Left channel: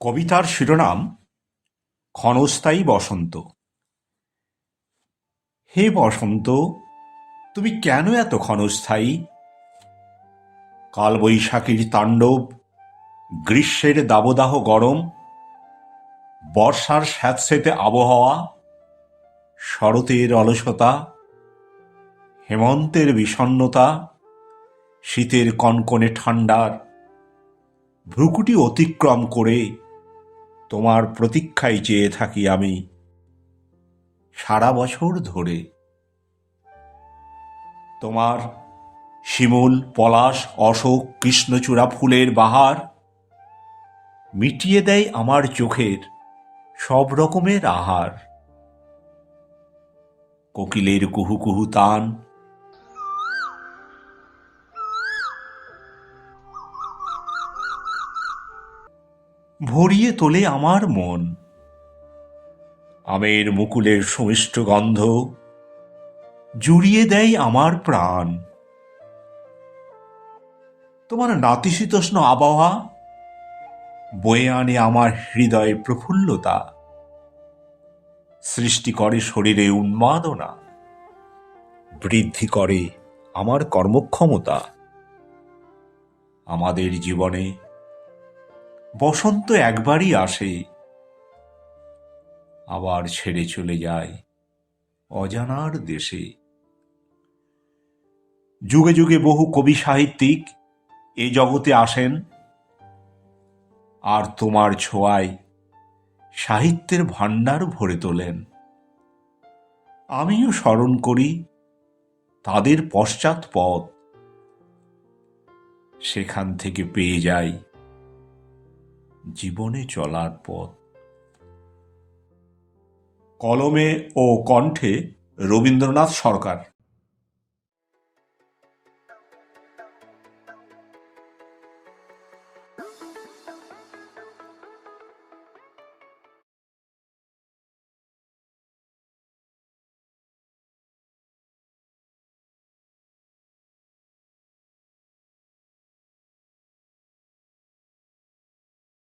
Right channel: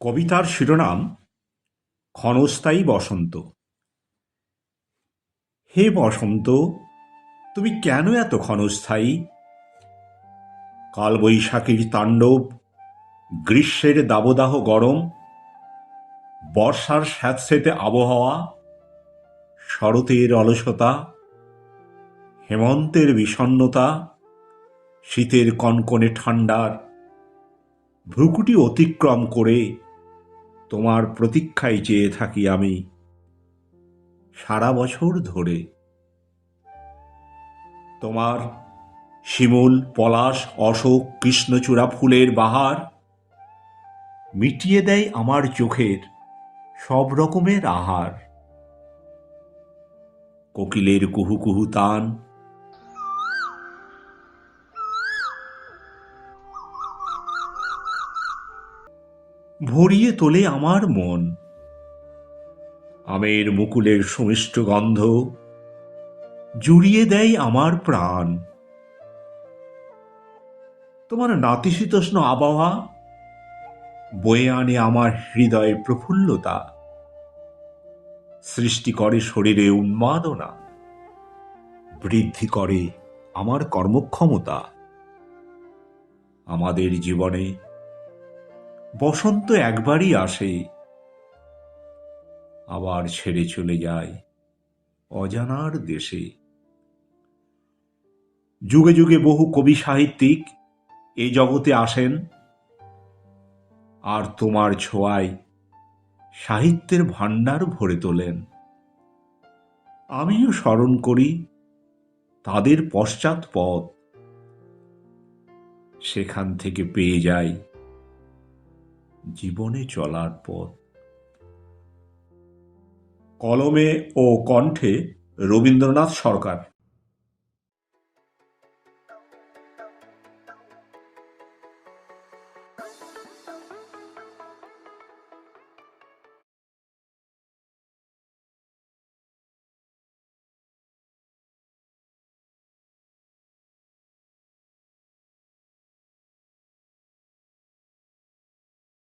কবিতার শিরোনাম ক্ষণস্থায়ী বসন্ত। হে বসন্ত, তুমি কেন এত ক্ষণস্থায়ী? কালবৈশাখীর তাণ্ডব, গ্রীষ্মের দাবদাহ গরম, বর্ষার স্যাঁতসেঁতে আবহাওয়া, শরতের অলসতা, হেমন্তের বিষণ্ণতা, শীতের কনকনে ঠান্ডার ভ্রুকুটি অতিক্রম করে তোমার প্রতীক্ষায় চেয়ে থাকি আমি সারা বছর ধরে। তোমার শিমুল, পলাশ, অশোক, কৃষ্ণচূড়া ফুলের বাহার মিটিয়ে দেয় আমার চোখের সব রকমের আহার। কোকিলের কুহু কুহু তান, ভরিয়ে তোলে আমার মন। আমের মুকুলের সুমিষ্ট গন্ধ জুড়িয়ে দেয় আমার প্রাণ। তোমার নাতিশীতোষ্ণ আবহাওয়া বয়ে আনে আমার হৃদয়ে প্রফুল্লতা, সৃষ্টি করে শরীরে উন্মাদনা, বৃদ্ধি করে আমার কর্মক্ষমতা। আমাদের জীবনে বসন্ত একবারই আসে, আবার ছেড়ে চলে যায় অজানার দেশে। যুগে যুগে বহু কবি সাহিত্যিক এ জগতে আসেন, আর তোমার ছোঁয়ায় সাহিত্যের ভাণ্ডার ভরে তোলেন। আমিও স্মরণ করি তাদের পশ্চাৎ পথ, সেখান থেকে পেয়ে যাই জীবনে চলার পথ। কলমে ও কণ্ঠে রবীন্দ্রনাথ সরকার।